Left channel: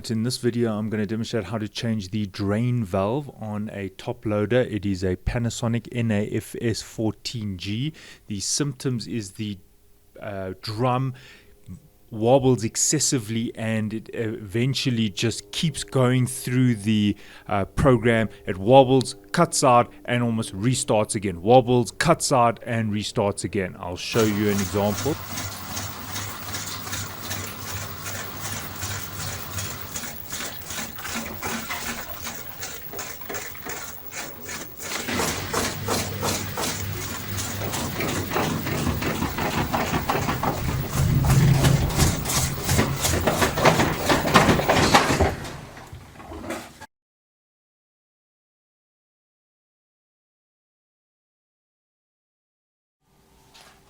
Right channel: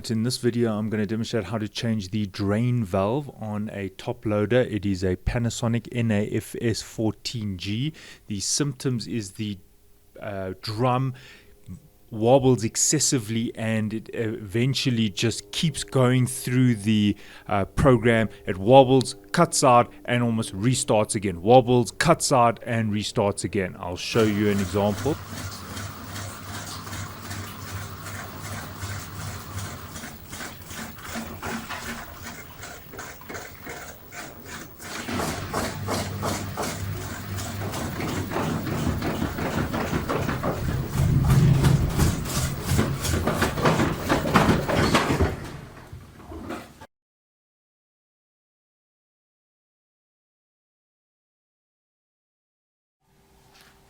Right, in this video I'm going to demonstrate how to change the drain valve on a top loader. It is a Panasonic NA-FS14G. The symptoms is the drum wobbles excessively and it eventually just keeps going through the program. It wobbles, cuts out and almost restarts again. Wobbles, cuts out and restarts again. I'll show you an example.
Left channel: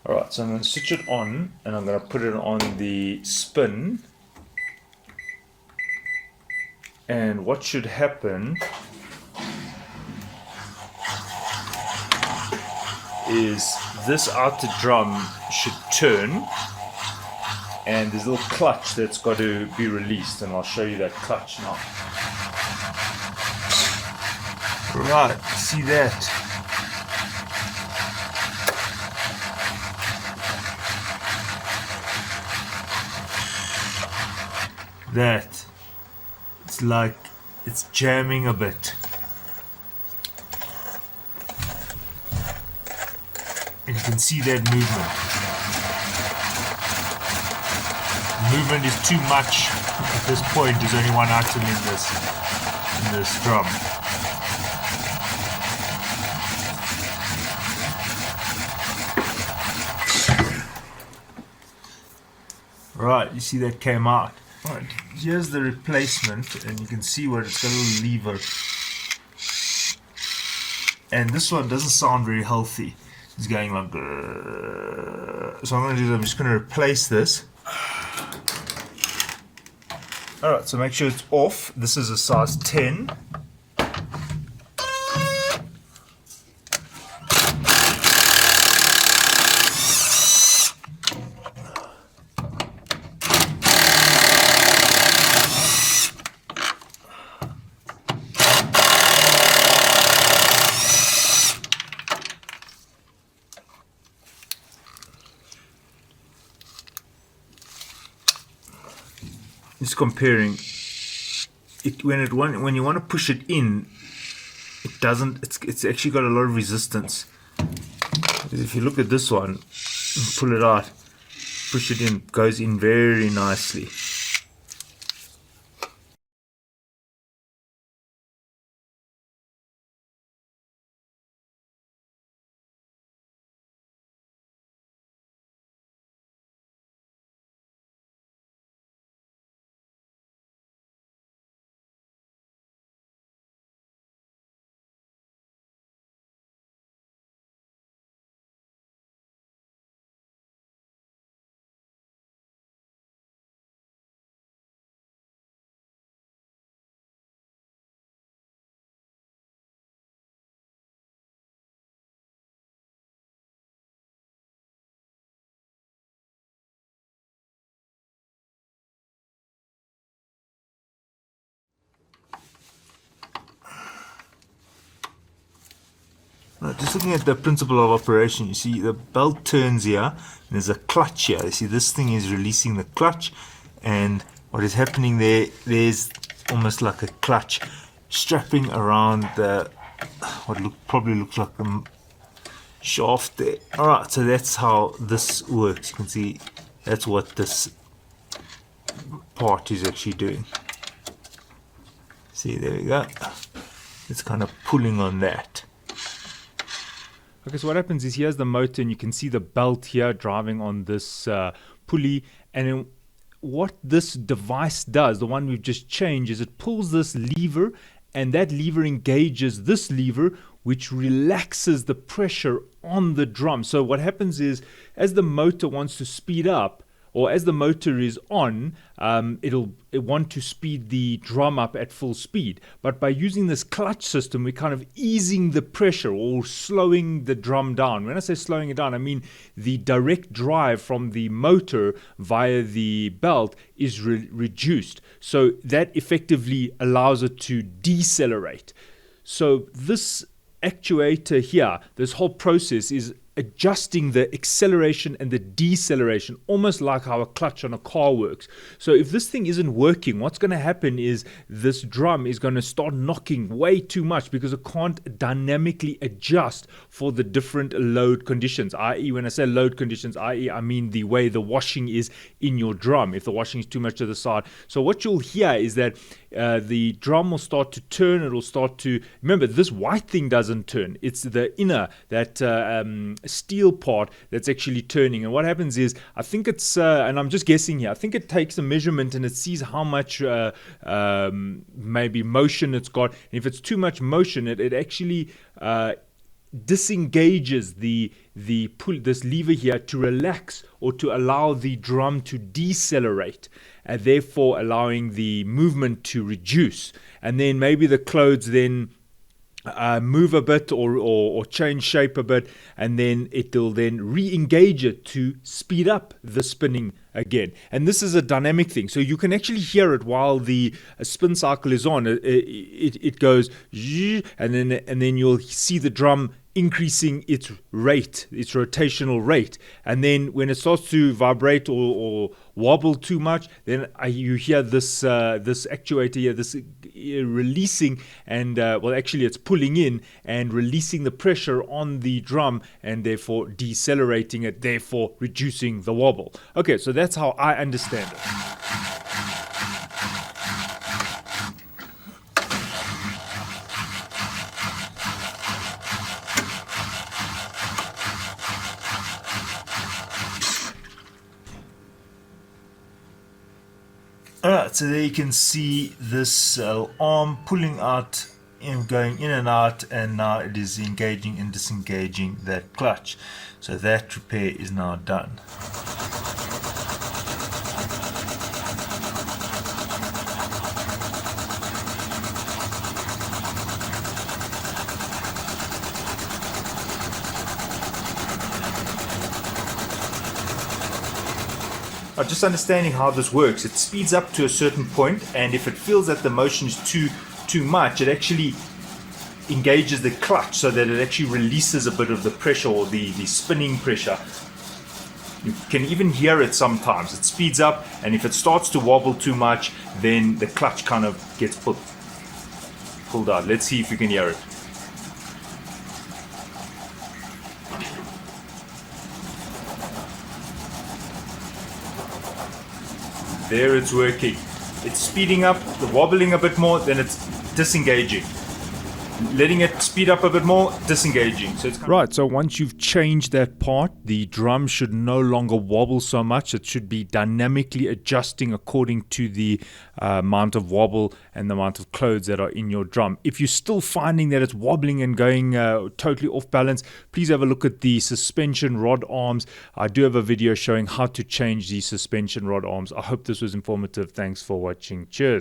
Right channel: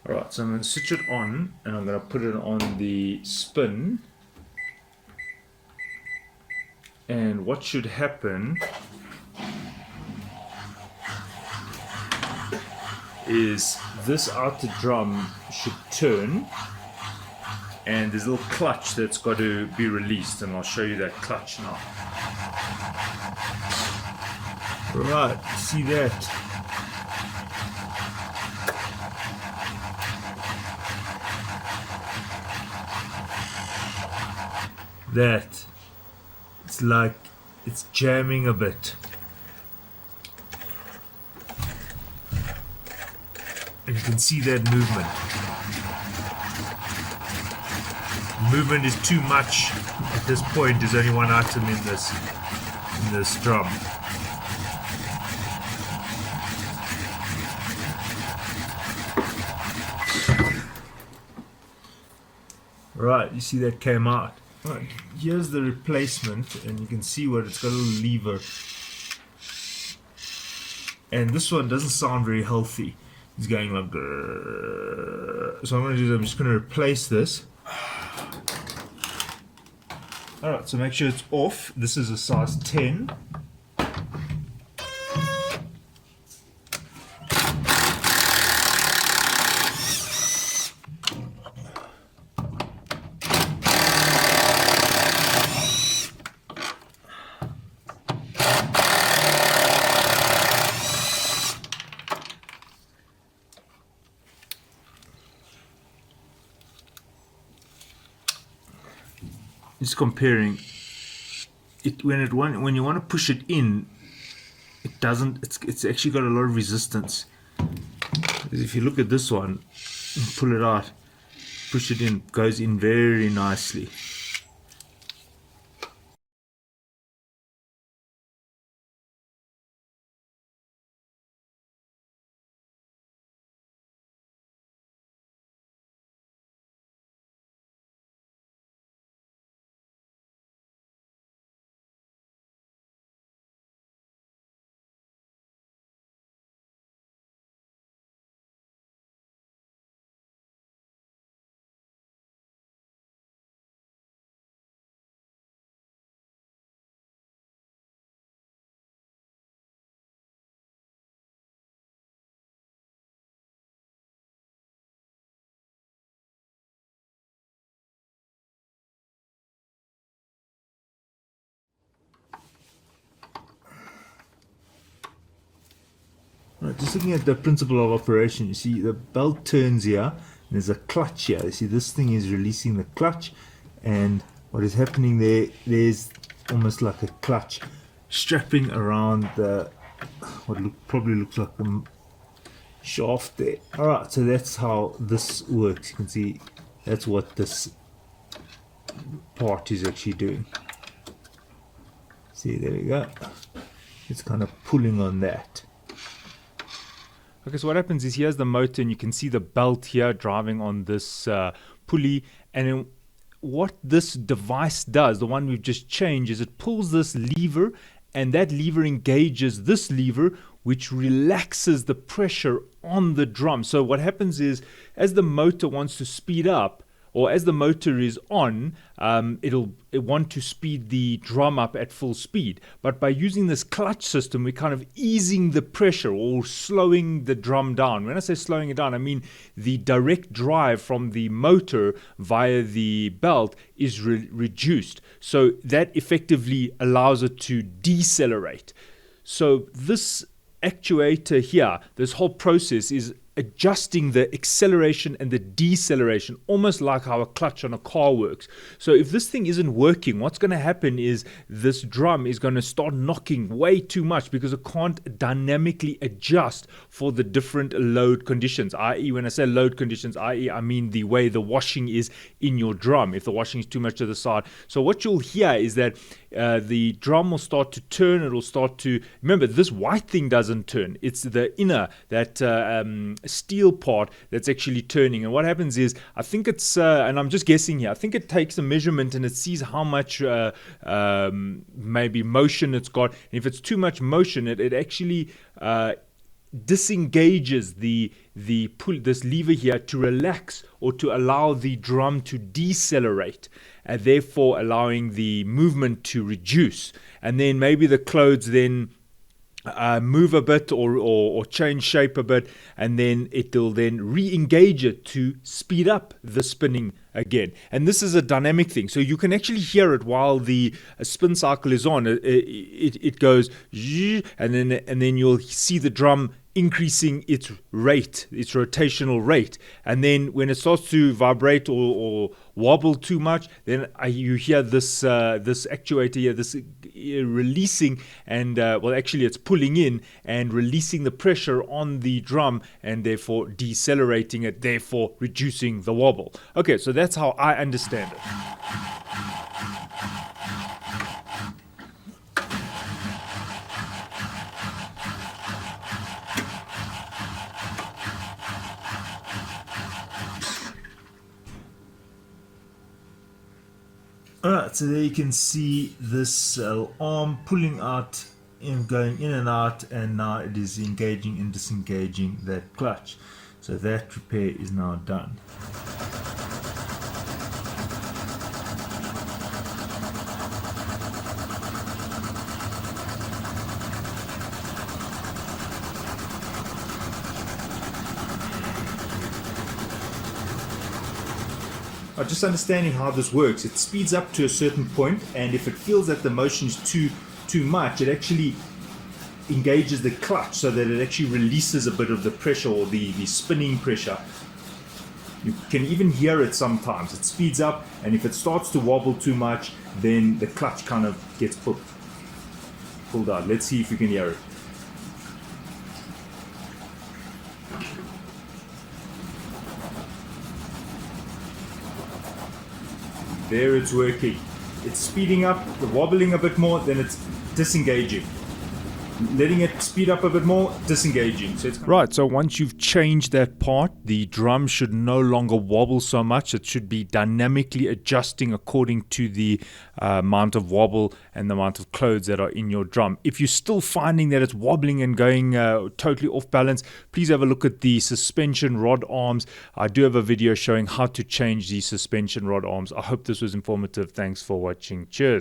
Alright, so I'm going to switch it on and I'm going to put it on the spin, and what should happen is this outer drum should turn and there's a little clutch that's got to be released, and I'll show you that clutch now. Right, see that? That it's like it's jamming a bit, and you can see that movement. The movement is too much at this point. There's only one item in this drum. Right, you see that came out. Right, here's the replacement, and you can see where it's got a little lever. And this one doesn't sound very healthy. It's going like grrr. So I'm going to do is I'm just going to replace this. Alright, so make sure it's off. This is a size 10. It's comparing it when you want to push it in, it doesn't. It's actually got a lot of resistance. Because if you look at this one, pull it out, push it in, goes in very nicely. Right, just looking at the principle of operation, you see the belt turns here, and there's a clutch here. You see this thing is releasing the clutch, and what is happening there's almost like a clutch strapping around the probably looks like a shaft there. Alright, so that's how this works. You can see that's what this part is actually doing. See, there we go. It's kind of pulling on that. Okay, so what happens is here's the motor, and you can see the belt here driving on this pulley, and then what this device does, the one we've just changed, is it pulls this lever, and that lever engages this lever, which relaxes the pressure on the drum. So what happens is, as the motor wants to speed up, or as the motor is on, it'll want to speed the drum up at full speed. But by using this clutch system, we're kind of easing the pressure or slowing the drum down. When I say slowing it down, I mean the direct drive from the motor via the belt is reduced. So that effectively allows it to decelerate. So this actuator here, this whole process is adjusting the acceleration and the deceleration, almost like how a clutch on a car works. So if this thing isn't working, what's going to happen is this drum is going to start knocking way too much because it can't dynamically adjust for the different load conditions, i.e. when I say load conditions, i.e. I mean the way the washing is in your drum, if the washing is too much to the side. So what you'll hear is that the drum will start to turn. It'll start to, remember, this white thing doesn't turn. It's the inner, that steel part that's actually turning. And what happens is, I think it's, and I'm just guessing here, I think it takes a measurement and it sees how much maybe motion it's got. And if it's too much motion, it actually disengages the pull, this lever here, to relax or to allow the drum to decelerate, and therefore allowing the movement to reduce. And then maybe the clothes then move a bit or change shape a bit, and then it'll then re-engage it to speed up the spinning again. And this is a dynamic thing, so you can actually hear it while the spin cycle is on. It goes, and then you'll see the drum increasing its rate, its rotational rate. And then when it starts to vibrate or wobble too much, then you hear this actuator here, this releasing, and well, actually it's pulling in and releasing the pressure on the drum, and therefore decelerating it, therefore reducing the wobble. Okay, so that's how I understand it. Alright, so there you can see this arm pulling out and going in and out, and now it is engaging and disengaging that clutch. So that repair is now done. Just understanding how this works, it speeds up to a certain point, and if it feels that the motion is too much, it actually engages the clutch so that it actually releases a bit of the pressure, or the spinning pressure. You can even hear it sometimes. It speeds up, and if it starts to wobble too much, then the clutch kind of gets pulled out. Let's see if you can hear it. There, it's working. It's speeding up, wobbling a bit more, then it's disengaging. Letting it speed up a bit more, disengaging. So it's right, so once you've changed that part, the drum should no longer wobble so much. It should be dynamically adjusting according to the amount of wobble and the amount of clothes that are in your drum. If you're still finding that it's wobbling and going totally off balance, please have a look at the suspension rod arms. I do have a video showing how to change the suspension rod arms. I hope this was informative. Thanks for watching. Cheers.